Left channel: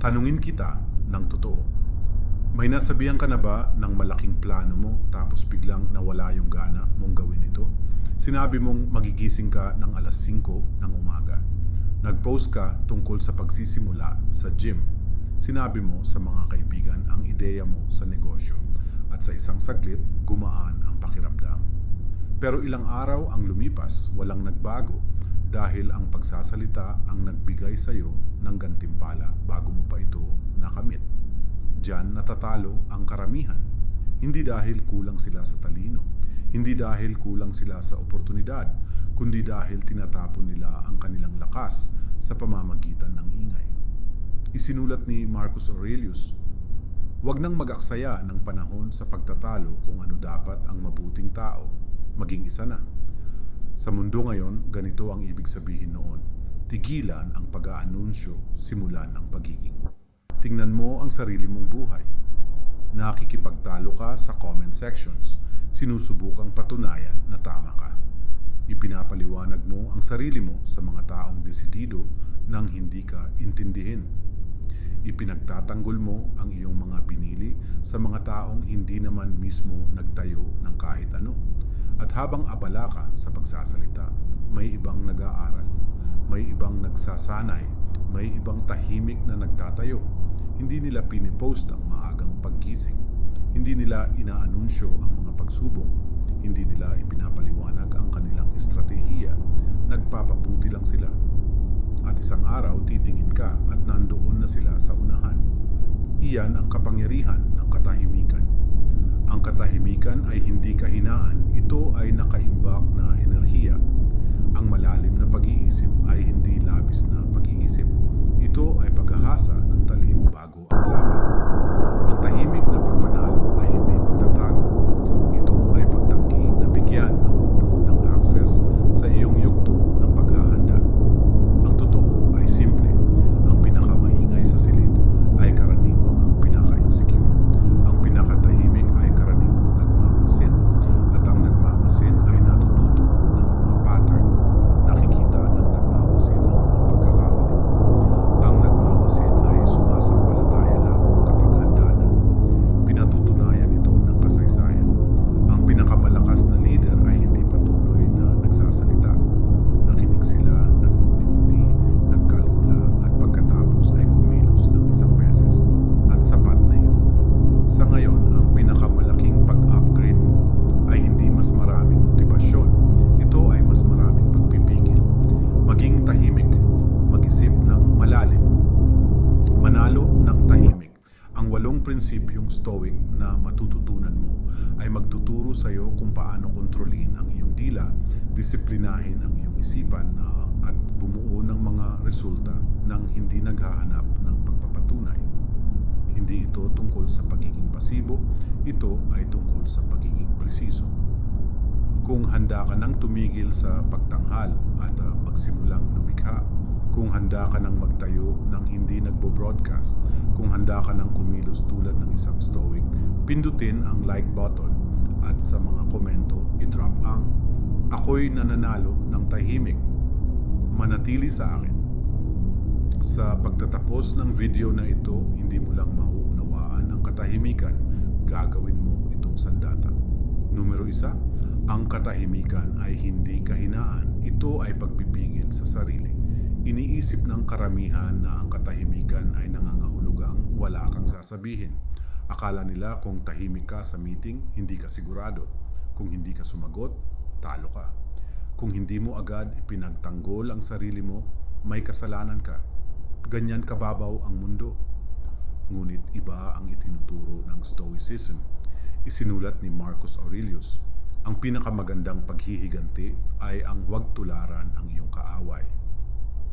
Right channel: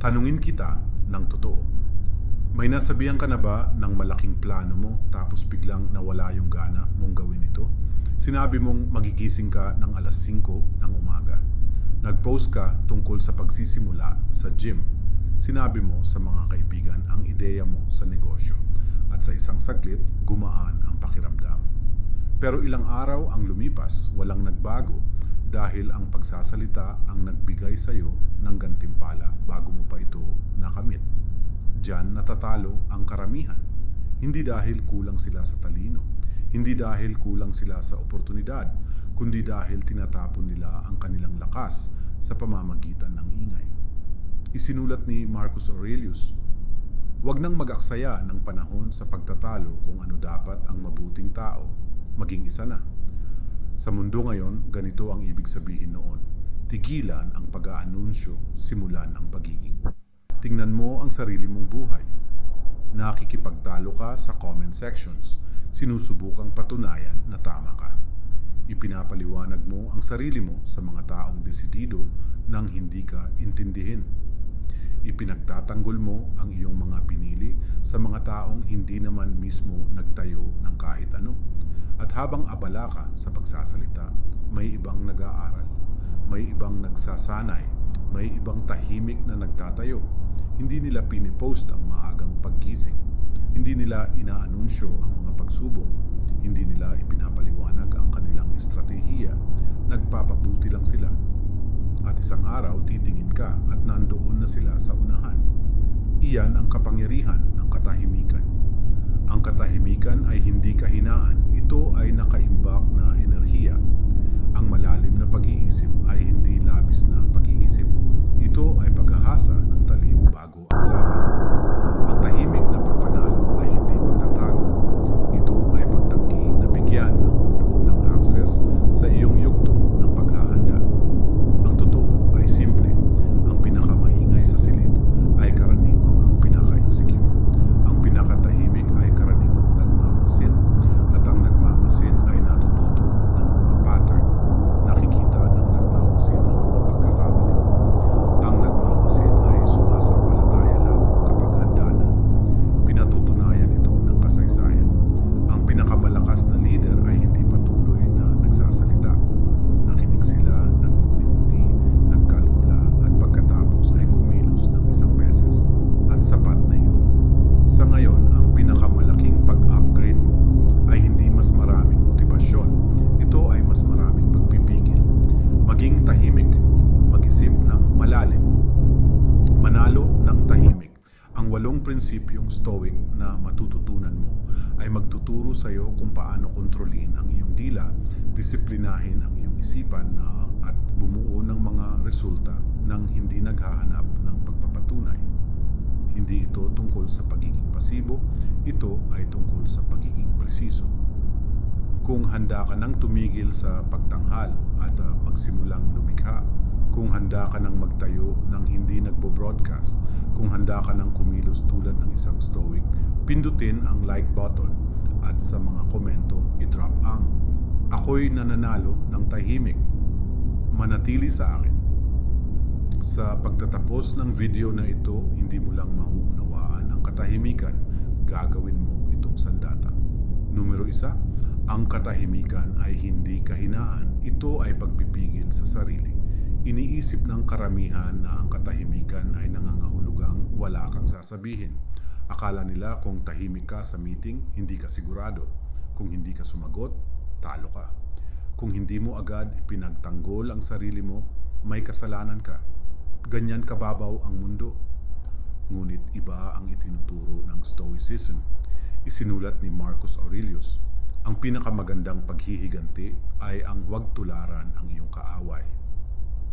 Tanungin kita ng totoo. May nasabihan ka na ba ng malaking plano mo tapos biglang nawala yung gana mong gawin ito? Sinabi mong magigising ka ng alas 5 ng umaga. Nag-post ka tungkol sa pagsisimula sa gym. Sinabi mo sa mga kaibigan ang ideya mo sa negosyo. At sa isang saglit, gumaan ang pakiramdam. Pero ilang araw ang lumipas, walang nagbago dahil ang pagsasalita ang nagbigay sa iyo ng gantimpala bago mo pa ito nakamit. Diyan natatalo ang karamihan. Hindi dahil kulang sila sa talino, hindi dahil kulang sila sa oportunidad, kundi dahil tinatapon nila ang kanilang lakas sa pamamagitan ng ingay. Isinulat ni Marcus Aurelius, "Huwag nang mag-aksaya ng panahon sa pagtatalo kung ano dapat ang mabuting tao, maging isa na." Sa mundo ngayon, ganito ang ibig sabihin noon. Tigilan ang pag-aanunsyo, simulan ang pagiging. Tingnan mo ang sarili mong buhay. Nakikipagtalo ka sa comment sections. Sinusubukang patunayan na tama ka. Ipinapaliwanag mo ang sarili mo sa mga taong desidido nang hindi ka intindihin. Ipinagtatanggol mo ang iyong mga pinili sa mga taong hindi naman mismo nagtayo ng kahit ano. At habang abala ka sa pagsasalita, may ibang nag-aaral, may ibang nagsasanay, may ibang tahimik na nagtatayo. Hindi nila pinipost ang maagang paggising. Hindi nila inaanunsyo ang mga pagsubok. Hindi nila ipinapaliwanag ang kanilang estratehiya. Nagpapabuti lang sila. At isang araw titingin ka at nandoon na sila sa unahan. Iyan ang kapangyarihan ng katahimikan. Ang katahimikan ay hindi kahinaan. Ito ay nakaimbak na enerhiya. Ang malalim na pag-iisip ay hindi labis na pag-iisip. Ito ay paghahasa ng talim bago ang laban. Ang tahimik na pagpanalo ay hindi pagtatago. Ito ay pagtanggi na bigyan ang mundo ng access sa iyong yugto ng paghahanda. Ang totoo ay simple. Ang pinakamaingay sa silid ay karaniwang ang pinaka-insecure. Ang pinakatahimik ay karaniwang nagmamasid. At ang nagmamasid ay natututo ng mga pattern. Nakikita ng nagmamasid ang mga pagkakamali. Ang nagmamasid ay sumasampalataya lamang kapag handa na. Pinatutunayan ito ng kasaysayan. Ang pinakamalakas na leader ay hindi patuloy na nagsasalita. Nakinig sila, nagmuni-muni, nagkalkula, at pagkatapos ay kumilos ng isang beses. At sapat na yun. Sa ngayon, ang pinakamalaking pag-upgrade mo ay hindi mas maraming motibasyon. Ito ay mas maraming pagpipigil. Maging tahimik, mag-isip ng malalim, manalo ng tahimik. Ang 8 prinsipyong stoic na matututunan mo ay magtuturo sa iyo kung paano kontrolin ang iyong dila, disiplinahin ang iyong isipan at bumuo ng mga resulta nang hindi naghahanap ng pagpapatunay. Hindi ito tungkol sa pagiging pasibo, ito ay tungkol sa pagiging presiso. Kung handa ka nang tumigil sa pagtanghal at magsimulang lumikha, kung handa ka nang magtayo ng hindi nagbo-broadcast, kung handa ka nang kumilos tulad ng isang stoic, pindutin ang like button at sa mga komento i-drop ang "Ako'y nananalo ng tahimik. Manatili sa akin." Sa pagtatapos ng video na ito, hindi mo lang mauunawaan ang katahimikan, gagawin mo itong sandata. Numero 1, ang katahimikan ay hindi kahinaan. Ito ay pagpipigil sa sarili. Iniisip ng karamihan na ang katahimikan ay nangangahulugang wala kang sasabihin. Akala nila kung tahimik ka sa meeting, hindi ka sigurado. Kung hindi ka sumagot, talo ka. Kung hindi mo agad ipinagtanggol ang sarili mo, may kasalanan ka. Ganyan kababaw ang mundo. Ngunit iba ang itinuturo ng Stoicism. Isinulat ni Marcus Aurelius, ang pinakamagandang paghihiganti ay ang huwag tularan ang iyong kaaway.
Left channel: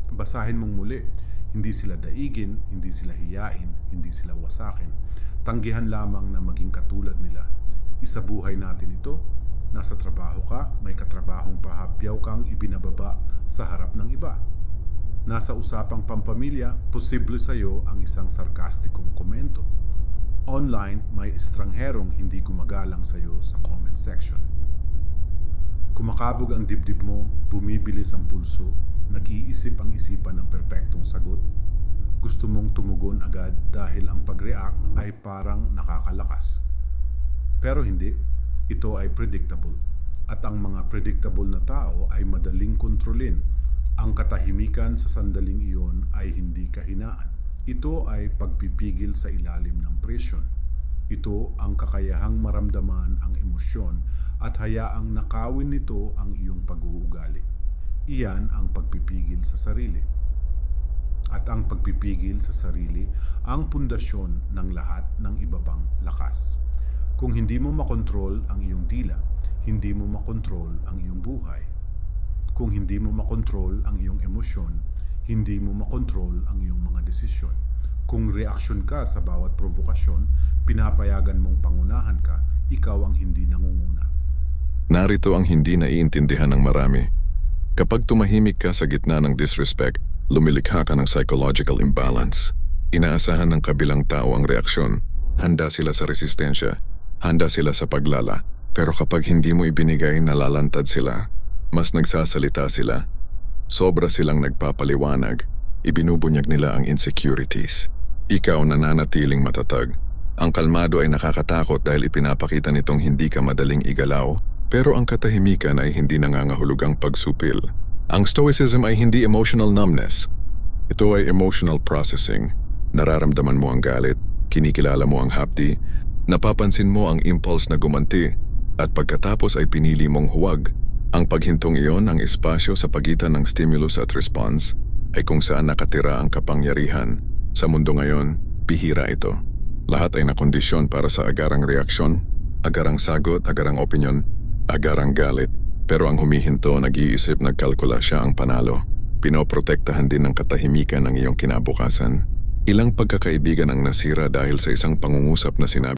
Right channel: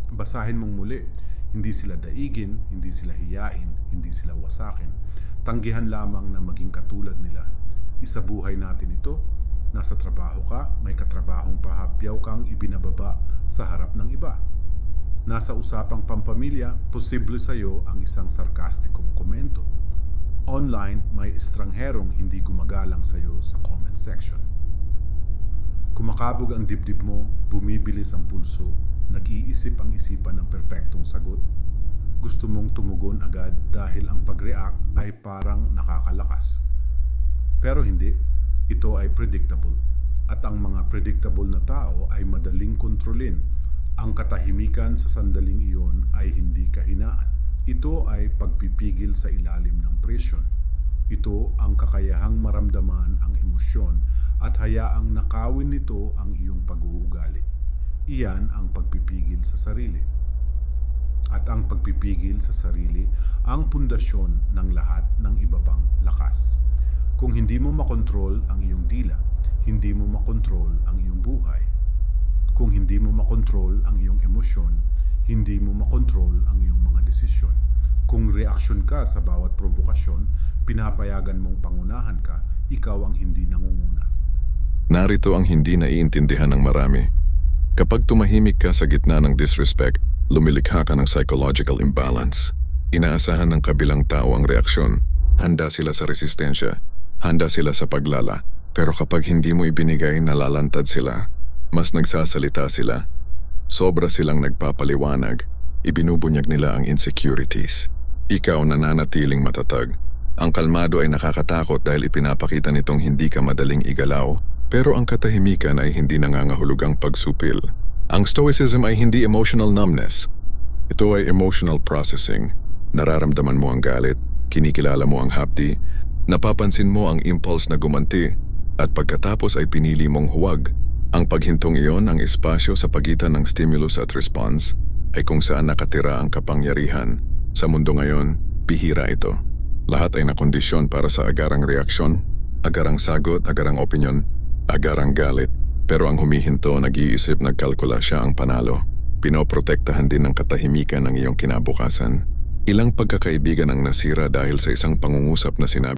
Basahin mong muli, hindi sila daigin, hindi sila hiyain, hindi sila wasakin. Tanggihan lamang na maging katulad nila. Isabuhay natin ito. Nasa trabaho ka, may katrabahong pahapyaw kang ibinababa sa harap ng iba. Nasa usapang pampamilya, posible sa iyo ang isang sarkastikong komento. Online, may estrangherong hindi gumagalang sa iyo sa comment section. Kumakabog ang dibdib mo, bumibilis ang pulso, nag-iisip ang isipan ng perpektong sagot. Gusto mong tumugon agad dahil ang pag-react ay parang nakakalakas. Pero hindi, ito ay predictable. At ang mga predictable na tao ay madaling kontrolin. Ang katahimikan sa sandaling iyon ay hindi kahinaan. Ito ay pagpipigil sa ilalim ng presyon. Ito ang kakayahang maramdaman ang emosyon at hayaang nakawin nito ang iyong pag-uugali. Iyan ang pagpipigil sa sarili. At ang pagpipigil sa sarili ang pundasyon ng lahat ng iba pang lakas. Kung hindi mo makontrol ang iyong dila, hindi mo makontrol ang iyong buhay. Kung hindi mo makontrol ang iyong emosyon, hindi mo makontrol ang iyong mga desisyon. Kung reaksyon ka sa bawat provokasyon, pinapayagan mong pangunahan ka, ikaw ang hindi nangunguna. Narito ang hindi naiintindihan ng marami. Kapag tumahimik ka sa gitna ng disrespect, lumilikha ka ng psychological imbalance. Inaasahan ng kabilang tao ang reaksyon. Handa sila sa resistensya. Handa sila sa paglala. Pero kapag hindi mo ibinigay, nalalantad sila. Mas nagsasalita sila. Sobra silang nagpapaliwanag. Ibinubunyag nila ang insecurities. Ikaw nananatiling matatag. Ang kalmado ay nakakatakot dahil ipinapakita nitong hindi ka madaling igalaw. Pero ang katahimikan ay hindi nangangahulugang pagsupil. Ang stoicism ay hindi emotional numbness. Ito ay emotional processing. Nararamdaman mo ang galit, kinikilala mo ang hapdi, napapansin mo ang impulse na gumanti, at pagkatapos ay pinili mong huwag. Ang paghintong iyon, ang espasyo sa pagitan ng stimulus at response, ay kung saan nakatira ang kapangyarihan. Sa mundo ngayon, bihira ito. Lahat ay nakondisyon para sa agarang reaksyon, agarang sagot, agarang opinyon, agarang galit. Pero ang humihinto, nag-iisip, nagkalkula siya ang panalo. Pinoprotektahan din ng katahimikan ng iyong kinabukasan. Ilang pagkakaibigan ang nasira dahil sa isang pangungusap na sinabi.